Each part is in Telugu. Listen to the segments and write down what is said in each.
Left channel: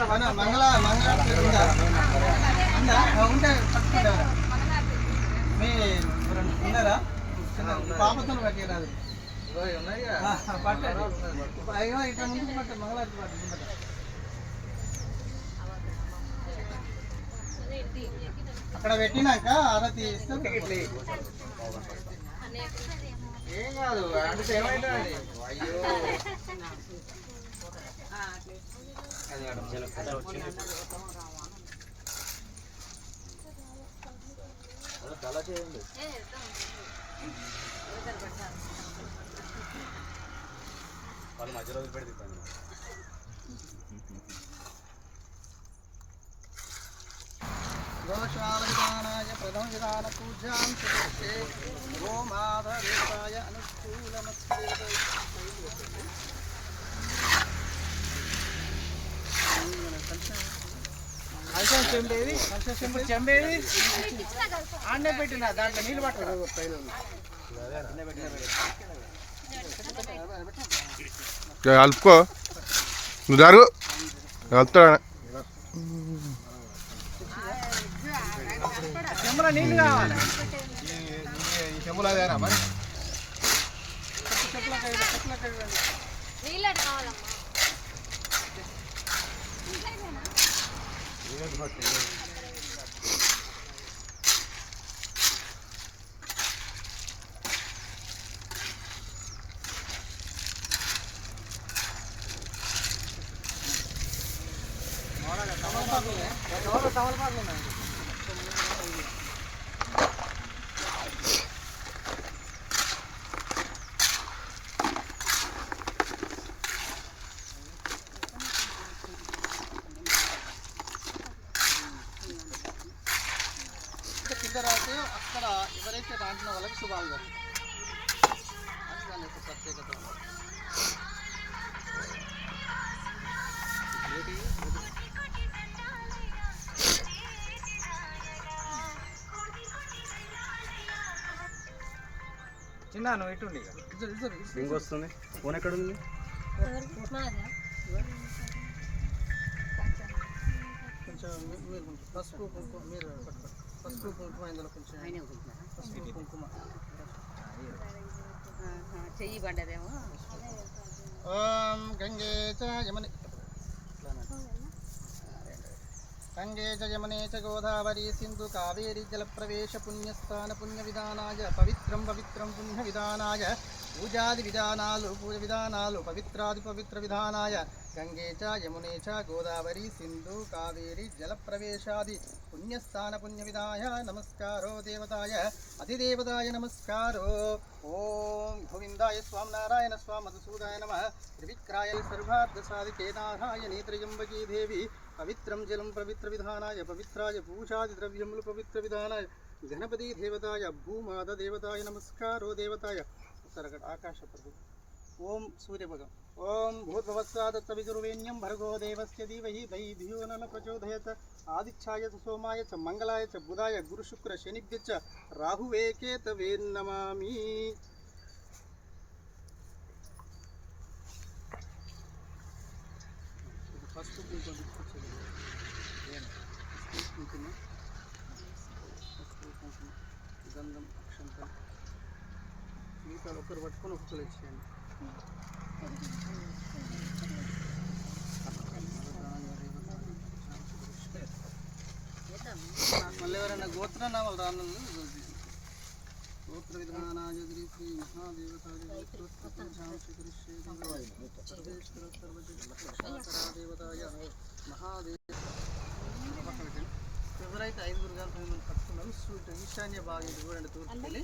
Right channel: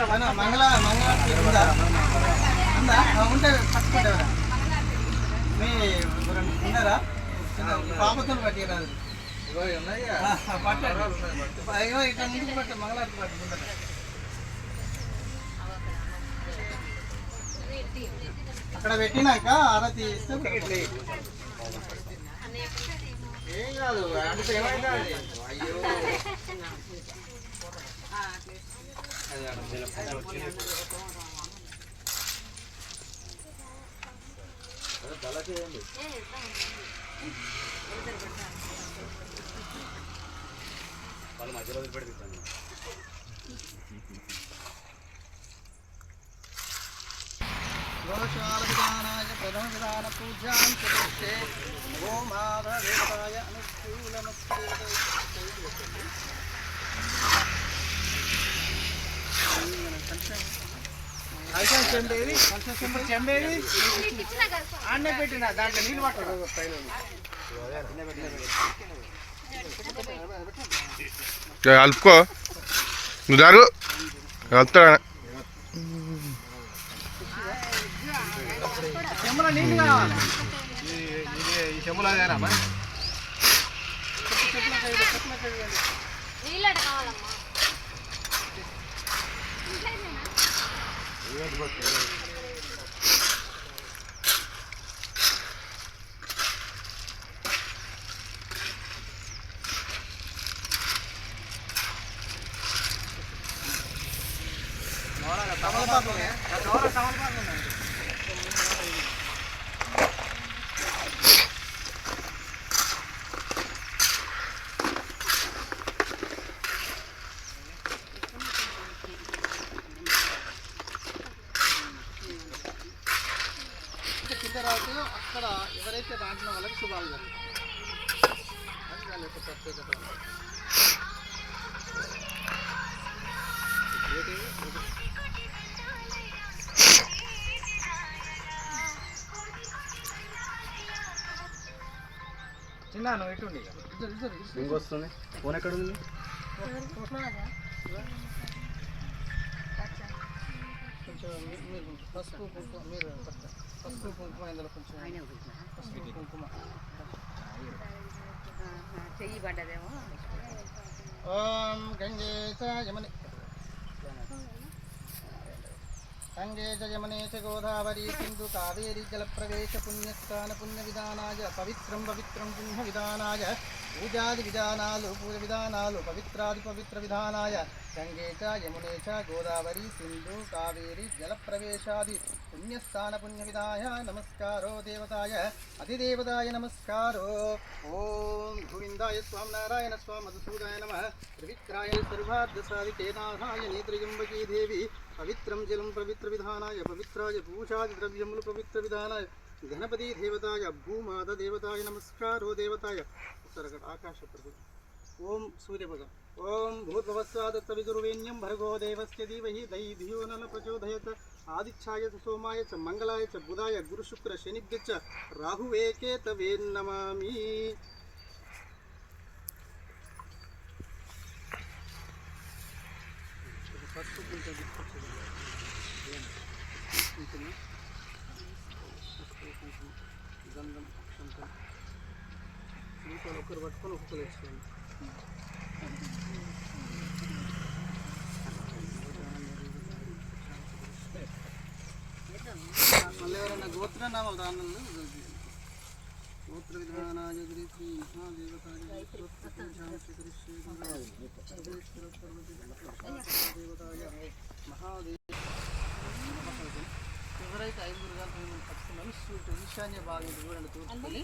మంగళ మంగళ ఉందా ఉందా ఉంటే పట్టుకుంటారా మీ ఉన్నారా పాపతో పట్టిరాదు పట్టండి ఇట్లా ముందుకు పట్ట మంగళారతి పట్టు అక్కడ పెట్టినాక ఆరతి ఇస్తే ఏం కాదు అంటే ఏమైనా అయ్యో వాళ్ళు మధ్యలో వదిలిపెట్టి తిప్పండి గోశాలవిధానాయ ప్రథమ విధాన పూజాం ప్రతిష్ఠే గోమాధవేదాయ కలిసం చెంబేది చెంబేది ఆడనే పెట్టిన దాంట్లో నీళ్ళు పట్టదు. కలుపుకో నువ్వు జరుగు నీళ్ళు కావాలి ఈ చెమ్ములు అదేనా మరి చెప్పులకాయ చెప్పులకాయ నీళ్ళట కావాలమ్మా Okay. రాతే అక్కడ ఎవరైతే దాంట్లో వాళ్ళకి శుభాలు జరుగుతాయి. యొక్క ప్రత్యేకత చిన్న నువ్వు ఇటుండి. ఇంకొస్తుంది ఫోన్ ఎక్కడ ఉంది? కొంచెం మీరు పసుపు మీరు పట్టుకోండి. ఇందులో కొంచెం పసుపు కుంకుమ. చెయ్యి పడ్డదేమో. ఓం గంగే చ యమునే గంగే చ యమునే చ గోదావరి సింధు కావేరి జలప్రవేశ పుణ్యస్థాన పుణ్య విధానాయ పవిత్రం పవిత్రం పుణ్య విధానాయ పూజాది విధానాలు పూజ విధానాలు పవిత్రాది పవిత్ర విధానాయ. గంగే చ యమునే చ గోదావరి సింధు కావేరి జలప్రవేశాది పుణ్యస్థాన పుణ్య విధాయ నమస్కారో దేవతాయ అధిదేవతాయ నమస్కారో. ఓం గోవిందాయ స్వామి నారాయణ స్వామి మధుసూదాయ నమ. త్రివిక్రాయ సర్వార్థ సాధికే నారాయణీ త్రయంబకీ దేవి. పవిత్రం జలం పవిత్ర విధానాయ పవిత్రాయ పూజాది ద్రవ్యములు పవిత్ర విధానాయ. गणपति देवताय भूमाद देवताय, नमस्कारो देवताय। उत्तरगढ़ आकाश प्रभु। ओम सूर्य भगवान ओम भूर्भवस्वा दत्तविगुरुवेण्यं भर्गो देवस्य धीमहि दयि धियो न प्रचोदयत। आदिच्छाय च सोमाय च मंगलाय च बुधाय गुरुशुक्रशनिभ्य च राहुवेके तवे नमामि। फ़र्स्ट గంధం అక్షంతం. మిగతా ఒకరు పట్టుకొని ఒక్కొక్కరు వేసుకోండి మళ్ళీ ఎవరైనా గోత్ర నామాలు రానులు గోత్ర శ్రీ మహాదేవతాయ మహాదేవ ఎవరైతే ఐదుగురు కలిపి మిమ్మల్ని పట్టుకున్నారో సూట్ ఈశాన్య ఇది చూడండి తూర్పుని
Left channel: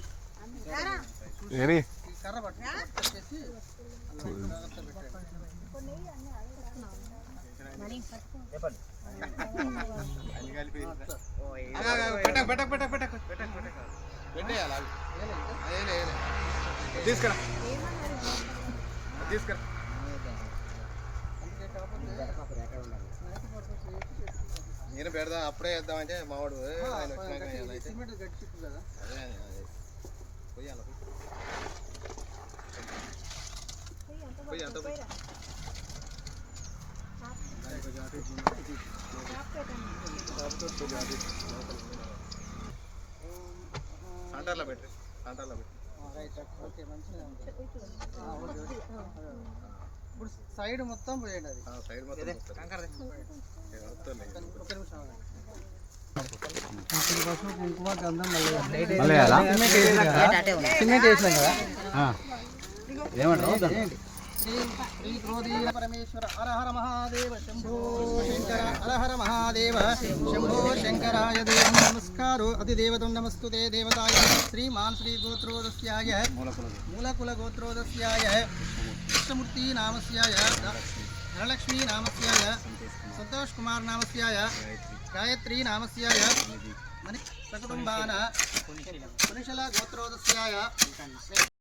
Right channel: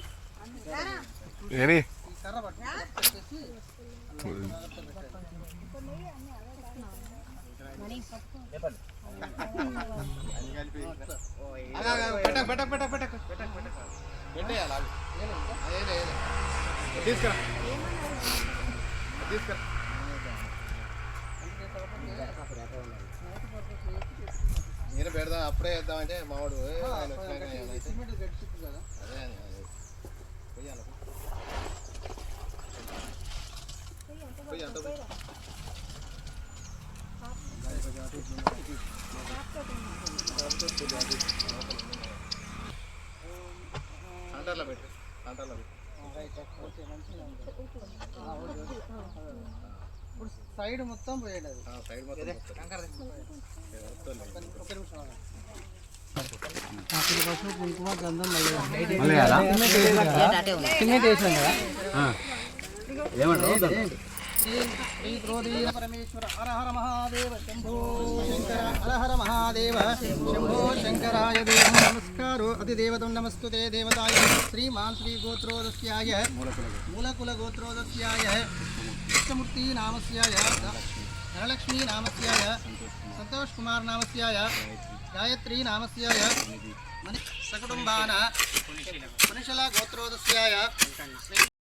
ఏని కర్ర పట్టు పట్టుకొచ్చేసి. తీసుకురా. తీసుకురా. నేను పెడదాం అప్పుడే మావాడు వచ్చినాక గట్టి- అయితే. సిమెంట్ చుట్టూ కదా. అదే. పోయి పోయి. అంత పోయి. అటు సెంటర్లో పెట్టు సెంటర్లో పెట్టు మంచిగా ఓకే. ఇప్పుడు సైడ్ మొత్తం పోయండి అది. ఆ, సైడ్ మొత్తం వస్తుంది. ఏ, వస్తుంది. ఒక నిమిషం. అప్పుడు పసుపు కుంకుమ గంధం మళ్ళీ సిమెంట్ వేసాం కదా? శ్రీ श्रीक्रोधीर परमेश्वर हर महादेव शंभो हर हर महादेव शंभो शंकराय देव नमस्कारो अतिदेवतं नमस्तुते देवताय श्रीमान श्री गोत्रोदस्याय मूलकुल गोत्रोदस्याय कृष्णमूर्ति नामस्याय धनलक्ष्मी नामस्याय संतोष कुमार नामस्याय गायत्री नामस्याय सकुटुम्बाना मनुषला गोत्रोदस्याय